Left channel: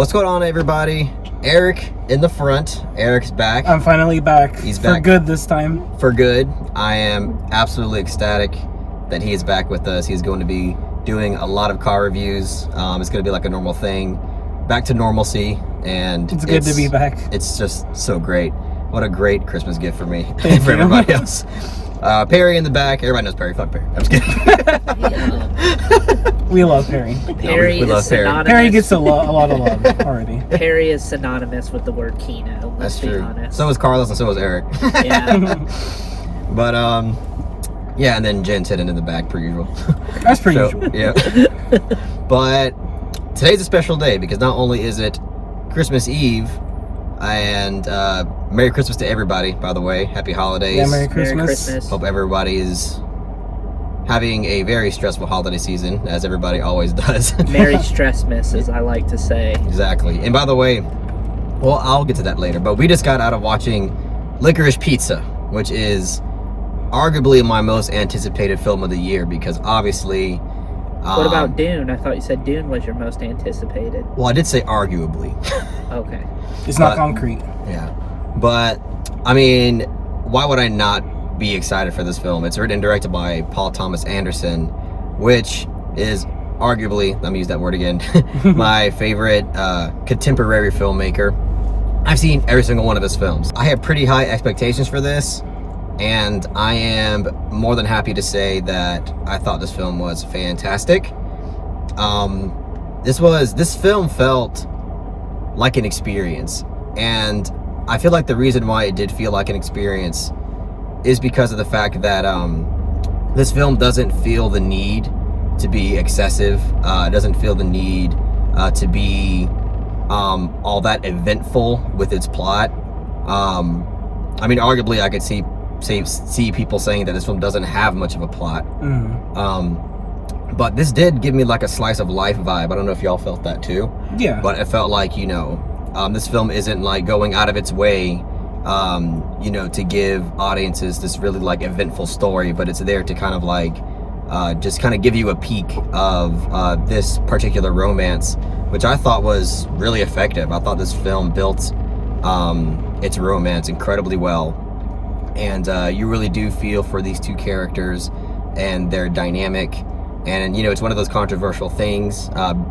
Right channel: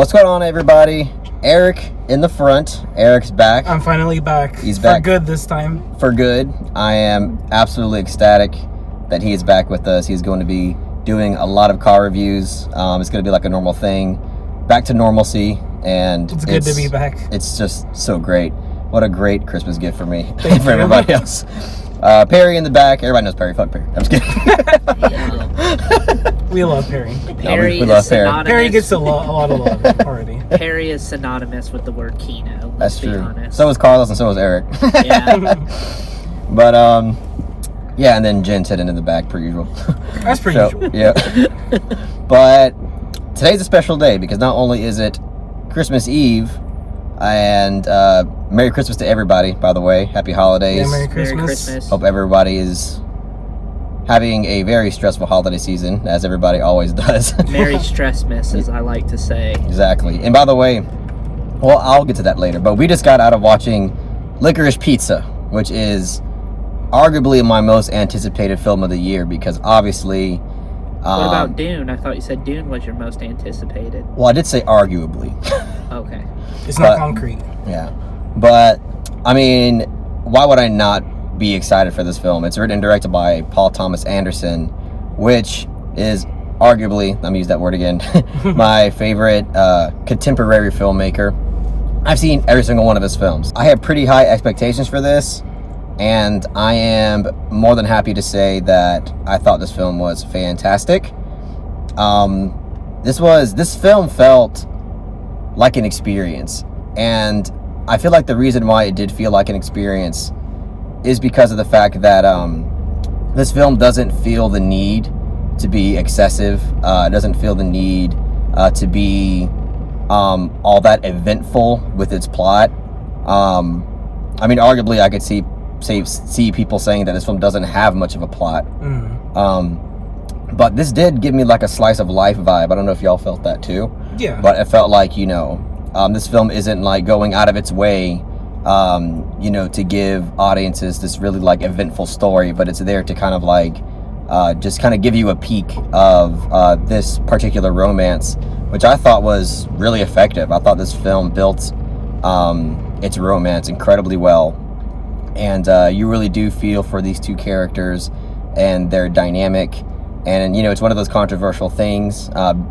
What's going on, everybody? Eric in the front. Eric's back. I'm finally back. He's back. For good this time. For good. I am absolutely ecstatic that he is back with us. He's going to be doing a lot of car reviews. It's going to be like a normal thing. Back to normalcy. And it's good to be back. It's just so great. What a great Christmas gift for me and for everybody else. Perry in the back. Everybody knows Perry. Fuck Perry. I'm just kidding. We love Perry. Perry we is synonymous. Perry gets a lot of love already. Perry is synonymous with the word Kino. Let's That's be true. honest. So is Carlos and so is Eric. Yeah. But yeah, and then Jen sitting in the back per usual. That's pretty usual. Yeah. But today's a special day because not only is it Christmas Eve, and Merry Christmas to everybody, by the way. Happy holidays. Yeah, Merry Christmas. Merry Christmas. Hope everybody is having a very stressful holiday season, as everybody always does. Merry Stressmas, as I like to say. Exactly. And by the way, well, I'll get to that later, but we just got out of watching Licorice Pizza, which is arguably my most anticipated film of the year because obviously... What about Dune? I thought you said Dune was your most anticipated. Well, I did say arguably. Okay. It's not concrete. Yeah. But, I mean, why would I not be excited for this film? It's written and directed by Paul Thomas Anderson, which is arguably, let me use that word again, my favorite contemporary filmmaker. I've seen every single one of his films. I have pretty high expectations for this, and I am more than happy to say that I thought this film was fantastic. This film felt like an experience, and I feel like the reason why it did feel like an experience is because of the fact that this film doesn't feel the need to be excessive. It doesn't feel the need to be all that eventful with its plot. I mean, arguably, I could see people saying that this film doesn't have much of a plot. But this did give me like a slice of life vibe. I don't know if y'all felt that too. Yeah. But it felt like, you know, this film isn't like going out of its way, you know, to give audiences this really like eventful story, but it's there to kind of like just kind of give you a peek of this particular romance, which I thought was really effective. I thought this film built its romance incredibly well. And you really do feel for these two characters and their dynamic. And, you know, it's one of those controversial things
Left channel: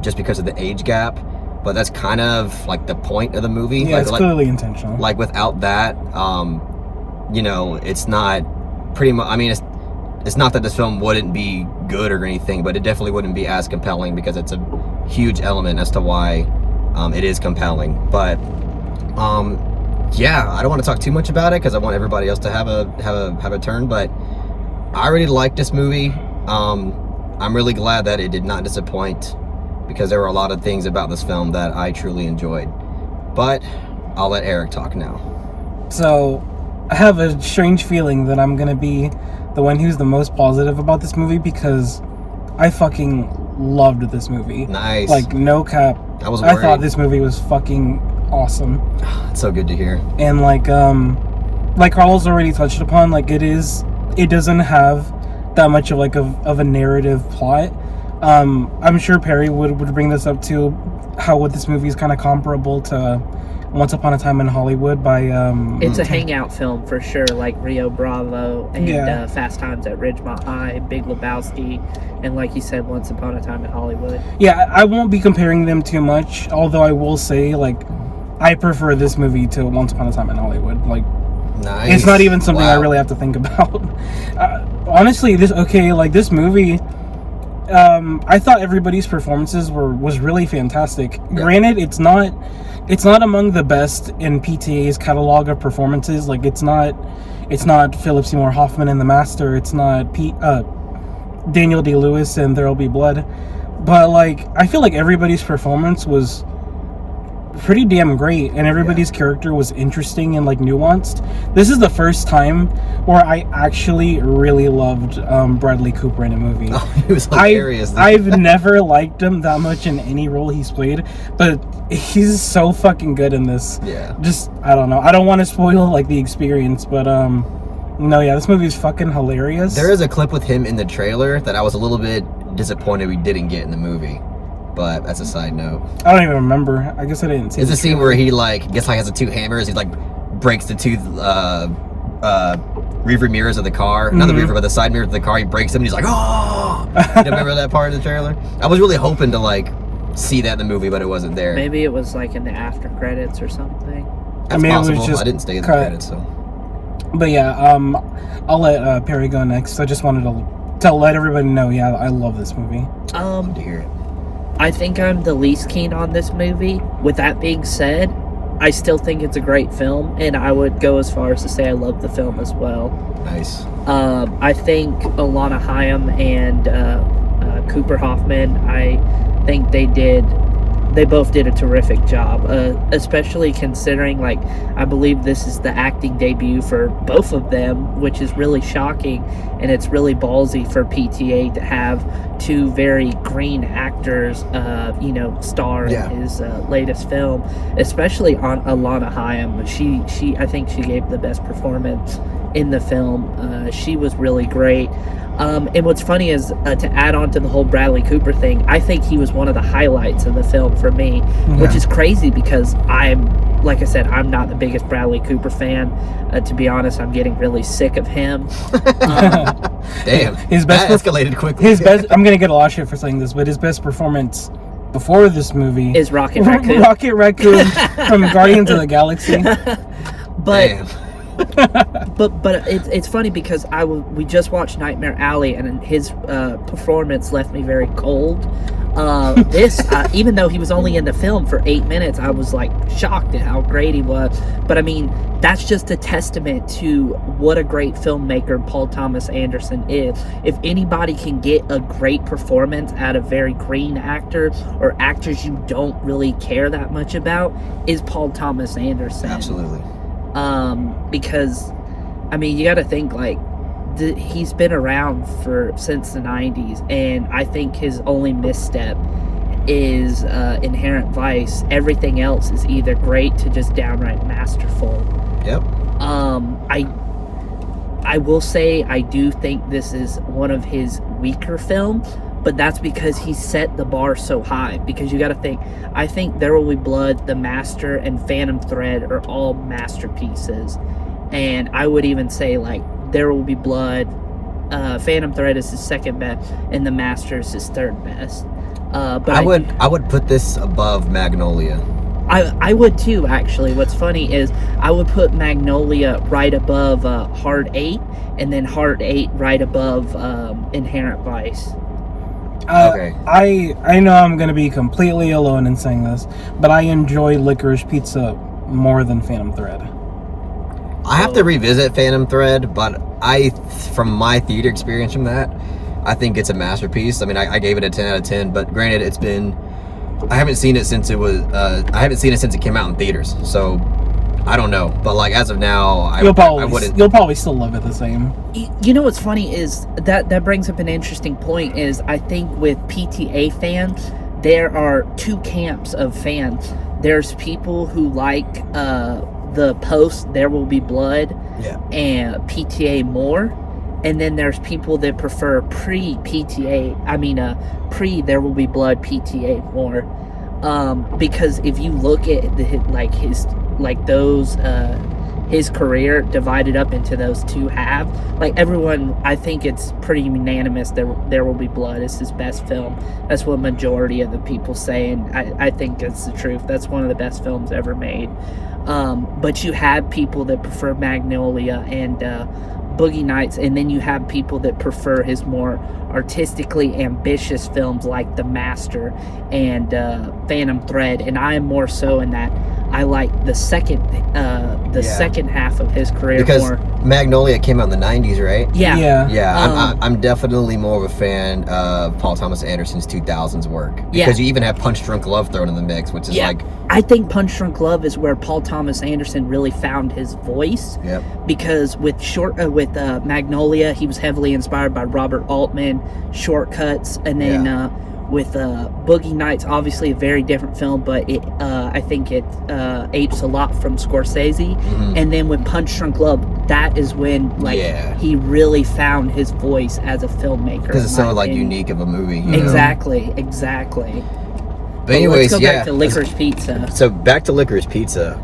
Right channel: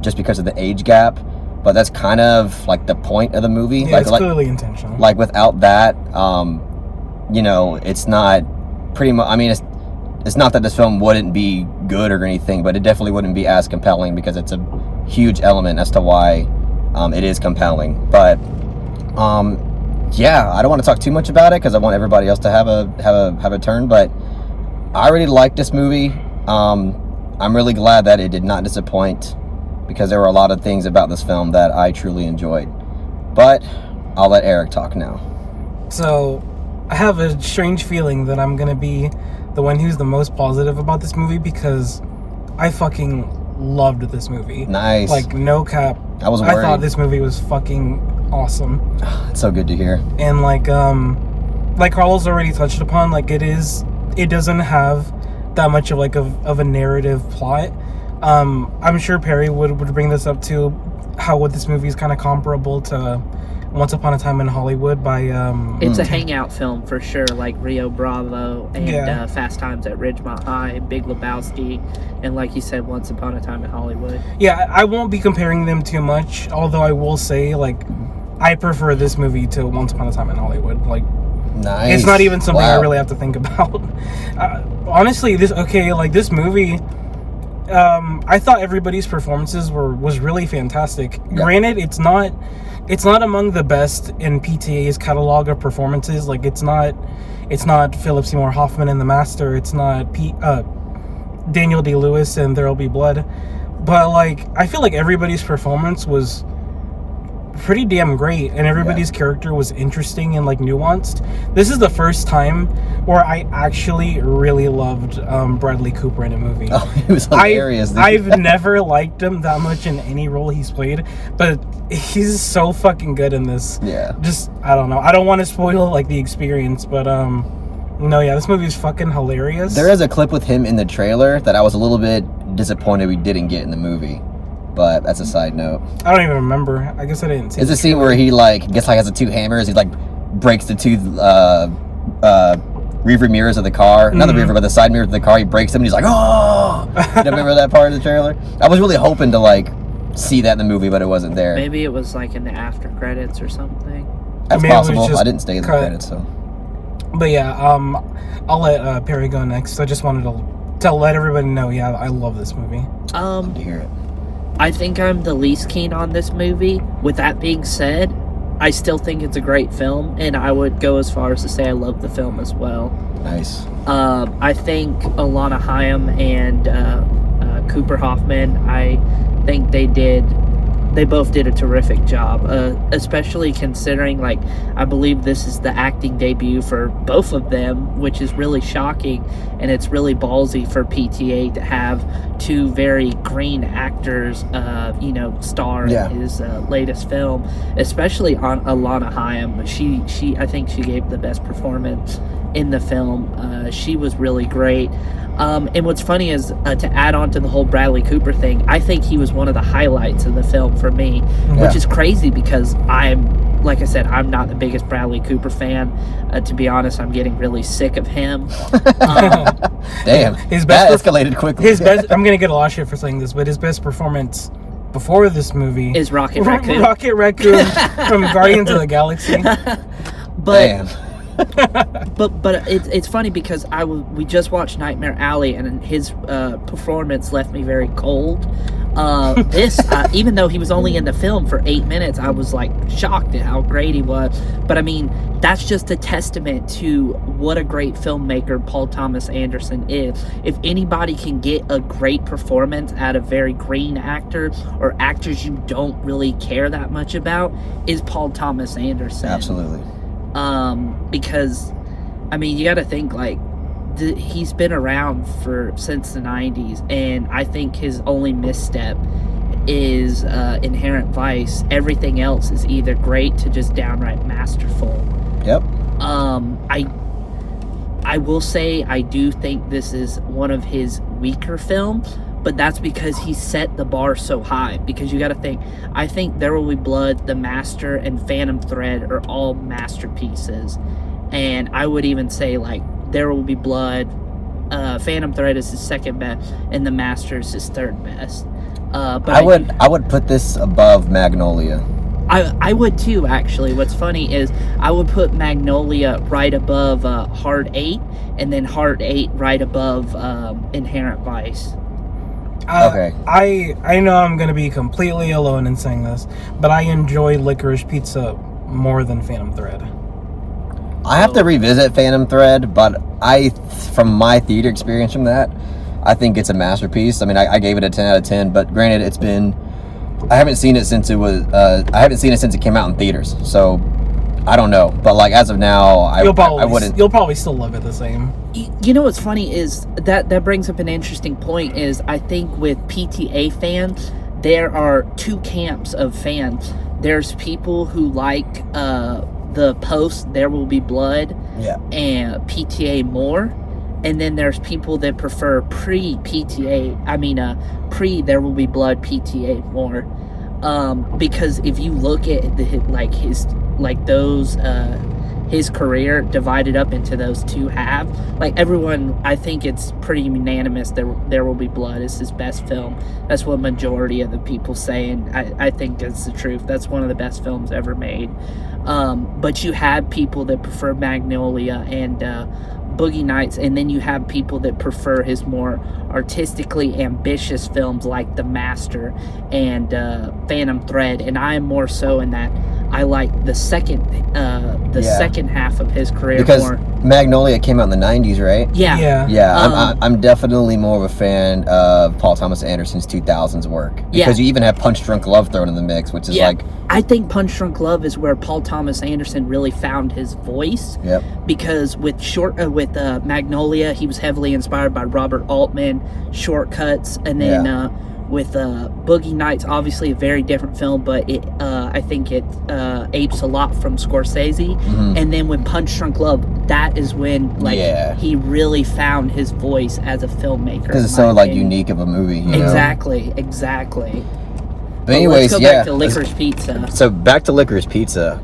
just because of the age gap. But that's kind of like the point of the movie. Yeah, it's clearly intentional. Like without that, you know, it's not pretty much, I mean, it's not that this film wouldn't be good or anything, but it definitely wouldn't be as compelling because it's a huge element as to why it is compelling. But, yeah, I don't want to talk too much about it because I want everybody else to have a turn, but I really liked this movie. I'm really glad that it did not disappoint because there were a lot of things about this film that I truly enjoyed. But I'll let Eric talk now. So, I have a strange feeling that I'm going to be the one who's the most positive about this movie because I fucking loved this movie. Nice. Like, no cap. I was worried. I thought this movie was fucking awesome. It's so good to hear. And like Carlos already touched upon, like it doesn't have that much of like of a narrative plot. I'm sure Perry would bring this up too, what this movie is kind of comparable to Once Upon a Time in Hollywood by it's a hangout film for sure, like Rio Bravo and Fast Times at Ridgemont High, Big Lebowski, and like you said, Once Upon a Time in Hollywood. Yeah, I won't be comparing them too much, although I will say like I prefer this movie to Once Upon a Time in Hollywood. Like, nice. It's not even something I Wow. really have to think about. Honestly, this movie, I thought everybody's performances was really fantastic. Yeah. Granted, it's not among the best in PTA's catalog of performances. Like, it's not Philip Seymour Hoffman in The Master. It's not Daniel Day-Lewis in There'll Be Blood. But like, I feel like everybody's performance was pretty damn great, and everybody's character was interesting and like nuanced. This is the first time where I actually really loved Bradley Cooper in a movie. Oh, he was hilarious. I've never liked him that much in any role he's played, but he's so fucking good in this. Yeah. Just, I don't know. I don't want to spoil like the experience, but no, yeah, this movie is fucking hilarious. There is a clip with him in the trailer that I was a little bit disappointed we didn't get in the movie. But that's a side note. I don't even remember. I guess I didn't see. There's a scene where he like gets like has the two hammers. He like breaks the two rearview mirrors of the car. Not the rearview, but the side mirrors of the car. He breaks them and he's like, oh! You remember that part of the trailer? I was really hoping to like see that in the movie, but it wasn't there. Maybe it was like in the after credits or something. That's possible. I didn't stay in the credits, so. But yeah, I'll let Perry go next. I just wanted to let everybody know, yeah, I love this movie. Love to hear it. I think I'm the least keen on this movie. With that being said, I still think it's a great film, and I would go as far as to say I love the film as well. Nice. I think Alana Haim and Cooper Hoffman, I think they both did a terrific job, especially considering, like, I believe this is the acting debut for both of them, which is really shocking, and it's really ballsy for PTA to have two very green actors, star in his latest film, especially on Alana Haim. She I think she gave the best performance in the film. She was really great. And what's funny is, to add on to the whole Bradley Cooper thing, I think he was one of the highlights of the film for me, which is crazy because like I said, I'm not the biggest Bradley Cooper fan. To be honest, I'm getting really sick of him. Damn, that escalated quickly. I'm going to get a lot of shit for saying this, but his best performance before this movie is Rocket Raccoon. Rocket Raccoon from Guardians of the Galaxy. But... Damn. but it's funny because we just watched Nightmare Alley, and his performance left me very cold. Even though he was only in the film for 8 minutes, I was like shocked at how great he was. But I mean, that's just a testament to what a great filmmaker Paul Thomas Anderson is. If anybody can get a great performance out of very green actors or actors you don't really care that much about, is Paul Thomas Anderson. Absolutely. Because, I mean, you got to think, like, he's been around since the 90s, and I think his only misstep is Inherent Vice. Everything else is either great to just downright masterful. Yep. I will say I do think this is one of his weaker films, but that's because he set the bar so high. Because you got to think, I think There Will Be Blood, The Master, and Phantom Thread are all masterpieces. And I would even say, like, There Will Be Blood, Phantom Thread is his second best, and The Master is his third best. But I would put this above Magnolia. I would too, actually. What's funny is I would put Magnolia right above Hard 8, and then Hard 8 right above Inherent Vice. Okay. I know I'm going to be completely alone in saying this, but I enjoy Licorice Pizza more than Phantom Thread. I have to revisit Phantom Thread, but from my theater experience from that, I think it's a masterpiece. I mean, I gave it a 10 out of 10, but granted, I haven't seen it since it came out in theaters, so I don't know. But like as of now, I wouldn't. You'll probably still love it the same. You know what's funny is that brings up an interesting point. Is I think with PTA fans, there are two camps of fans. There's people who like the post There Will Be Blood and PTA more, and then there's people that prefer pre There Will Be Blood PTA more, because if you look at his career divided up into those two halves, like everyone, I think it's pretty unanimous that There Will Be Blood is his best film. That's what majority of the people say, and I think it's the truth. That's one of the best films ever made. But you have people that prefer Magnolia and Boogie Nights, and then you have people that prefer his more artistically ambitious films like The Master and Phantom Thread, and I am more so in that I like the second half of his career because more. Magnolia came out in the 90s, right? Yeah. I'm definitely more of a fan of Paul Thomas Anderson's 2000s work, because you even have Punch Drunk Love thrown in the mix, which is like, I think Punch Drunk Love is where Paul Thomas Anderson really found his voice. Yep. Because with Magnolia, he was heavily inspired by Robert Altman, Shortcuts, and then with Boogie Nights, obviously a very different film, but I think it apes a lot from Scorsese. Mm-hmm. And then with Punch Drunk Love, that is when he really found his voice as a filmmaker. Because it's so like unique of a movie. Exactly. But anyways, let's go yeah. back to Licorice Pizza. So back to Licorice Pizza.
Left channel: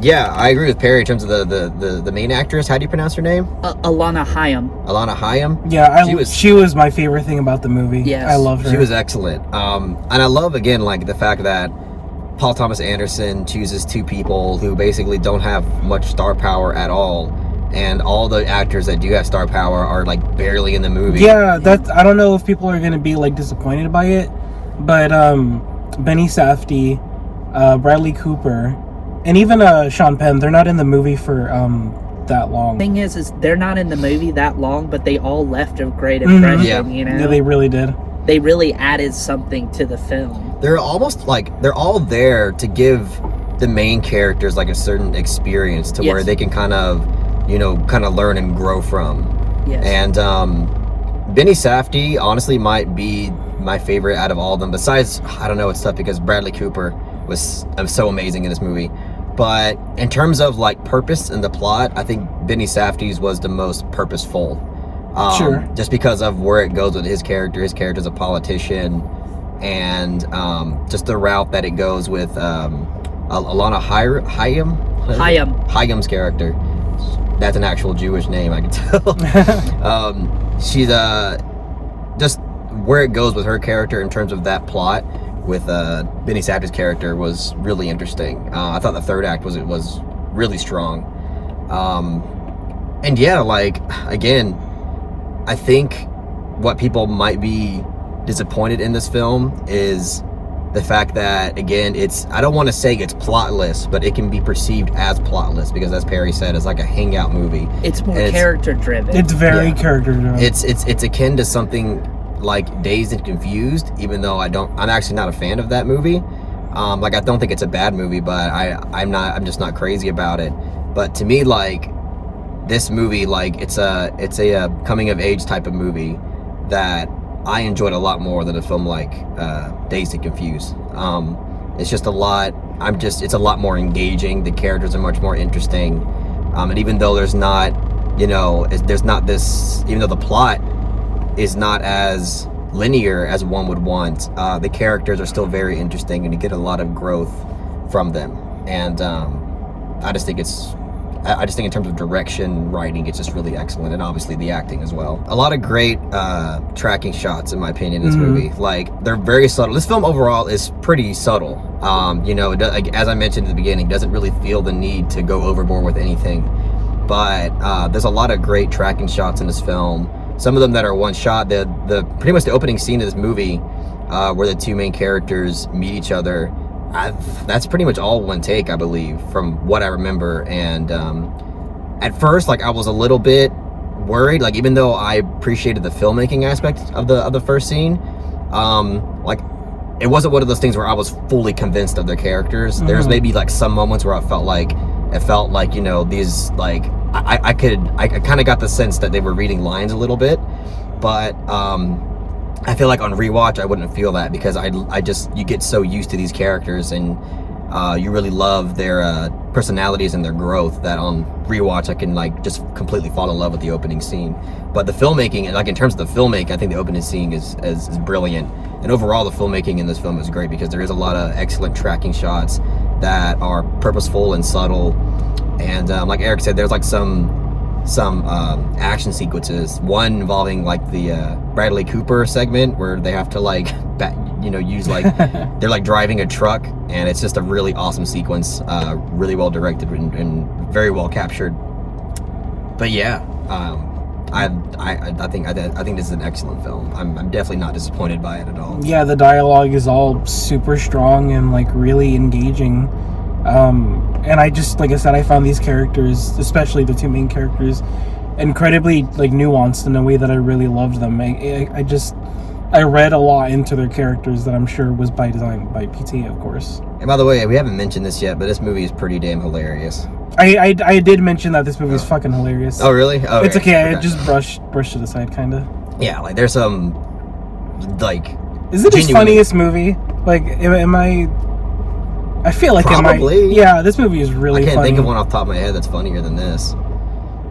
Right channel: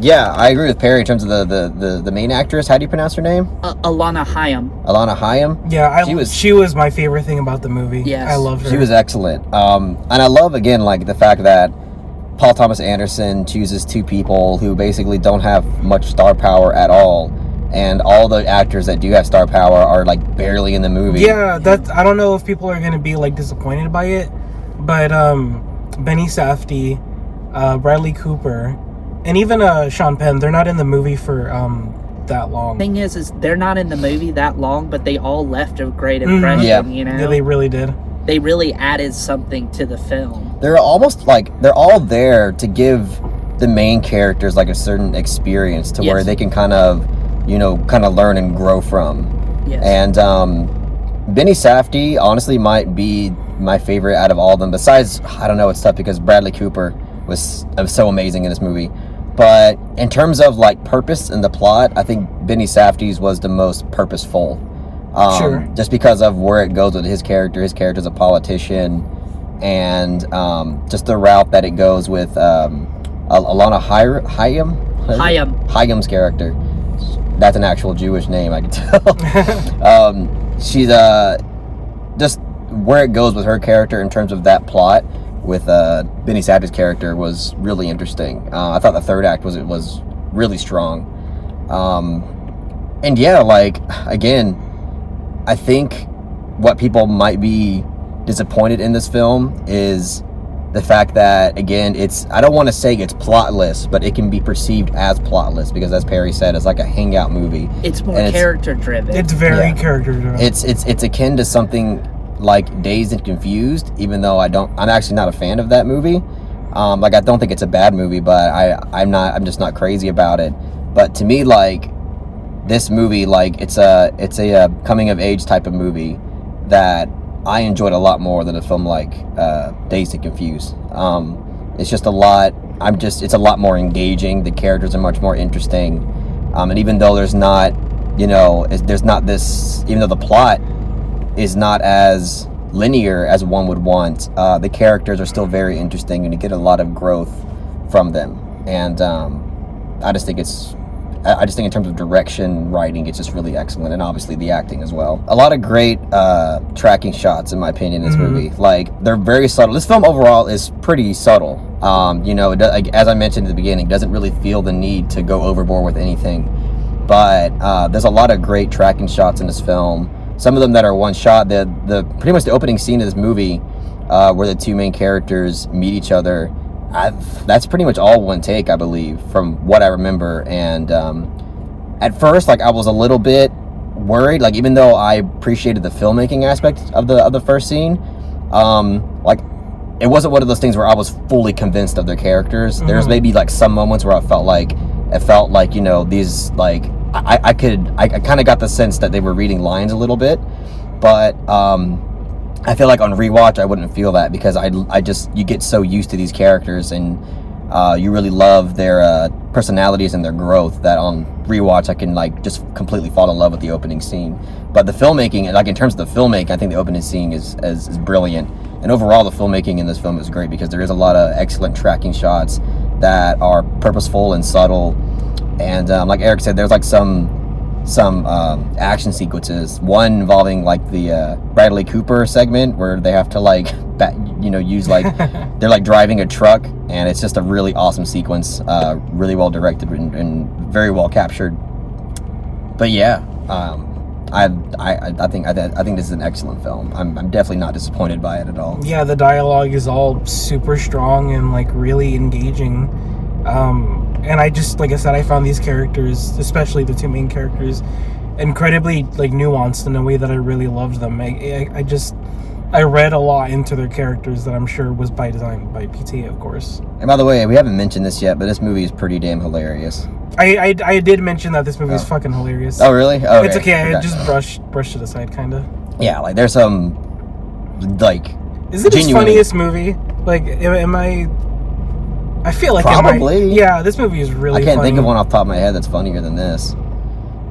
Yeah, I agree with Perry in terms of the main actress. How do you pronounce her name? Alana Hayam. Alana Hayam. Yeah, she was my favorite thing about the movie. Yes. I love her. She was excellent. And I love, again, like the fact that Paul Thomas Anderson chooses two people who basically don't have much star power at all, and all the actors that do have star power are like barely in the movie. Yeah, I don't know if people are gonna be like disappointed by it, but Benny Safdie, Bradley Cooper, and even Sean Penn, they're not in the movie for that long. Thing is they're not in the movie that long, but they all left a great impression. Yeah. You know, Yeah, they really did. They really added something to the film. They're almost like they're all there to give the main characters like a certain experience to where they can kind of learn and grow from. Yes. And Benny Safdie honestly might be my favorite out of all of them. Besides, I don't know, it's tough because Bradley Cooper was so amazing in this movie. But in terms of like purpose in the plot, I think Benny Safdie's was the most purposeful. Sure. Just because of where it goes with his character. His character's a politician, and just the route that it goes with Alana Hayam's character. That's an actual Jewish name, I can tell. She's just where it goes with her character in terms of that plot with Benny Safdie's character was really interesting. I thought the third act was really strong. And yeah, like again, I think what people might be disappointed in this film is the fact that, again, I don't want to say it's plotless, but it can be perceived as plotless because, as Perry said, it's like a hangout movie. It's more character driven. It's very character driven. It's akin to something like Dazed and Confused, even though I'm actually not a fan of that movie. Like, I don't think it's a bad movie, but I'm just not crazy about it. But to me, like, this movie, like, it's a coming of age type of movie that I enjoyed a lot more than a film like Dazed and Confused. It's just a lot. It's a lot more engaging. The characters are much more interesting, and even though there's not this, even though the plot is not as linear as one would want, the characters are still very interesting, and you get a lot of growth from them. And I just think in terms of direction, writing, it's just really excellent, and obviously the acting as well. A lot of great tracking shots, in my opinion, in this movie. Like, they're very subtle. This film overall is pretty subtle. As I mentioned at the beginning, doesn't really feel the need to go overboard with anything. But there's a lot of great tracking shots in this film. Some of them that are one shot. The pretty much the opening scene of this movie, where the two main characters meet each other. That's pretty much all one take, I believe, from what I remember. And at first, like, I was a little bit worried, like, even though I appreciated the filmmaking aspect of the first scene, like, it wasn't one of those things where I was fully convinced of their characters. There's maybe like some moments where it felt like these, like, I kind of got the sense that they were reading lines a little bit, but I feel like on rewatch I wouldn't feel that because you get so used to these characters and you really love their personalities and their growth that on rewatch I can like just completely fall in love with the opening scene. But the filmmaking, like in terms of the filmmaking, I think the opening scene is brilliant, and overall the filmmaking in this film is great because there is a lot of excellent tracking shots that are purposeful and subtle, and like Eric said, there's like some action sequences, one involving like the Bradley Cooper segment where they have to like use like they're like driving a truck, and it's just a really awesome sequence, really well directed and very well captured. But yeah, I think this is an excellent film. I'm definitely not disappointed by it at all. Yeah, the dialogue is all super strong and like really engaging. And I just, like I said, I found these characters, especially the two main characters, incredibly like nuanced in a way that I really loved them. I read a lot into their characters that I'm sure was by design by PT, of course. And by the way, we haven't mentioned this yet, but this movie is pretty damn hilarious. I did mention that this movie is fucking hilarious. Oh, really? Oh, it's okay. I just brushed it aside, kind of. Yeah, like there's some like. Is it his funniest movie? Like, am I? I feel like probably. Yeah, this movie is really. I can't funny. think of one off the top of my head that's funnier than this.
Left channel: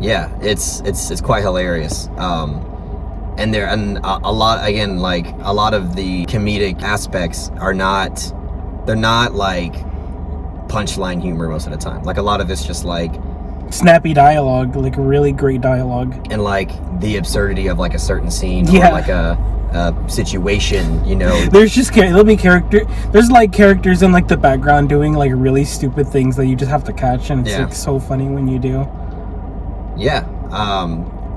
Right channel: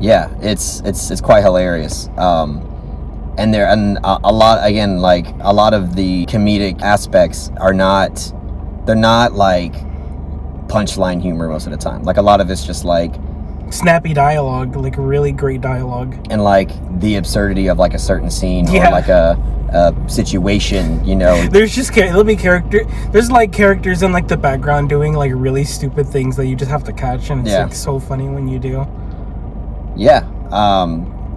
Yeah, it's quite hilarious. and a lot, again, like a lot of the comedic aspects are not, they're not like punchline humor most of the time. Like a lot of it's just like snappy dialogue, like really great dialogue, and like the absurdity of like a certain scene, Yeah. or like a situation, you know. There's just there'll be there's like characters in like the background doing like really stupid things that you just have to catch, and it's Yeah. like so funny when you do. Yeah.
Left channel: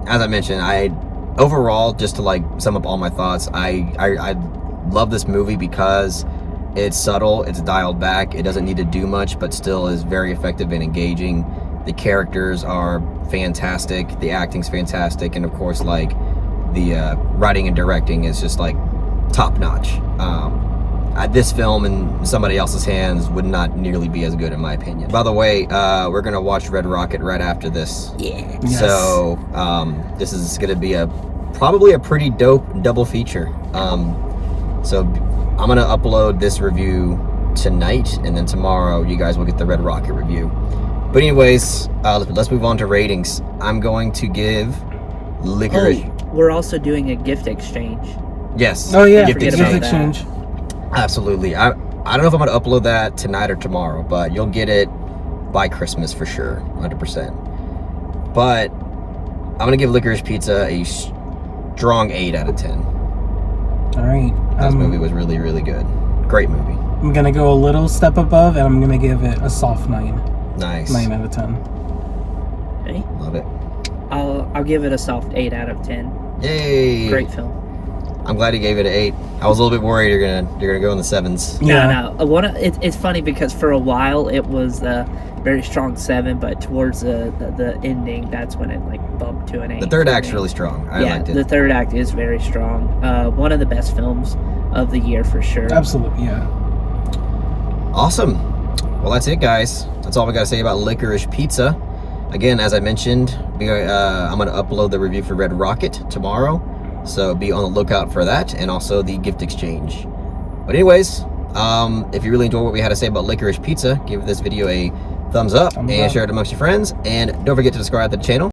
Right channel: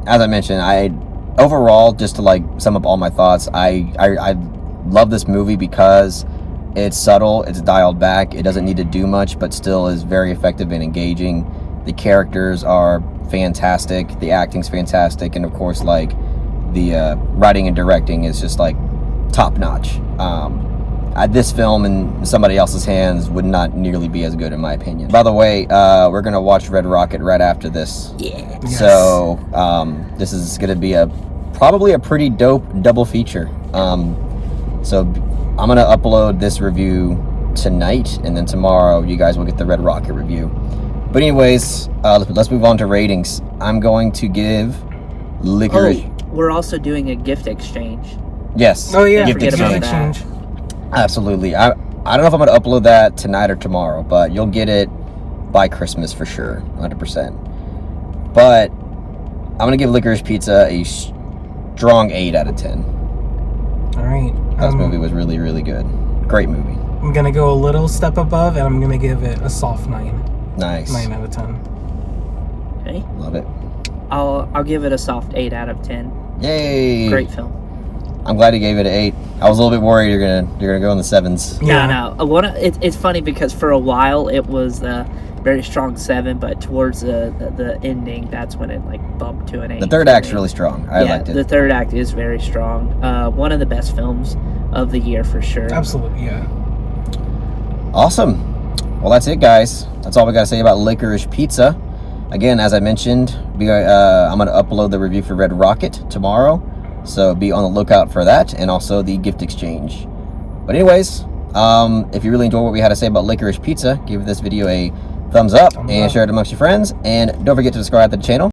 As I mentioned, overall, just to like sum up all my thoughts, I love this movie because it's subtle, it's dialed back, it doesn't need to do much, but still is very effective and engaging. The characters are fantastic, the acting's fantastic, and of course, like the writing and directing is just like top notch. This film in somebody else's hands would not nearly be as good, in my opinion. By the way, we're gonna watch Red Rocket right after this. Yeah. Yes. So this is gonna be probably a pretty dope double feature. So I'm gonna upload this review tonight, and then tomorrow you guys will get the Red Rocket review. But anyways, let's move on to ratings. I'm going to give Licorice. Oh, we're also doing a gift exchange. Yes. Oh yeah, gift forget about exchange. that. Absolutely. I don't know if I'm going to upload that tonight or tomorrow, but you'll get it by Christmas for sure, 100%. But I'm going to give Licorice Pizza a strong 8 out of 10. All right. This movie was really, really good. Great movie. I'm gonna go a little step above, and I'm gonna give it a soft 9. Nice. 9 out of 10. Okay. Love it. I'll give it a soft 8 out of 10. Yay. Great film. I'm glad you gave it an 8. I was a little bit worried you're gonna go in the 7s. Yeah. No. It's funny because for a while it was a very strong 7, but towards the ending, that's when it like bumped to an 8. The third act's really strong. I liked it. The third act is very strong. One of the best films of the year for sure. Absolutely, yeah. Awesome. Well, that's it, guys. That's all we got to say about Licorice Pizza. Again, as I mentioned, I'm going to upload the review for Red Rocket tomorrow, so be on the lookout for that, and also the gift exchange. But anyways, if you really enjoyed what we had to say about Licorice Pizza, give this video a thumbs up and share it amongst your friends, and don't forget to subscribe to the channel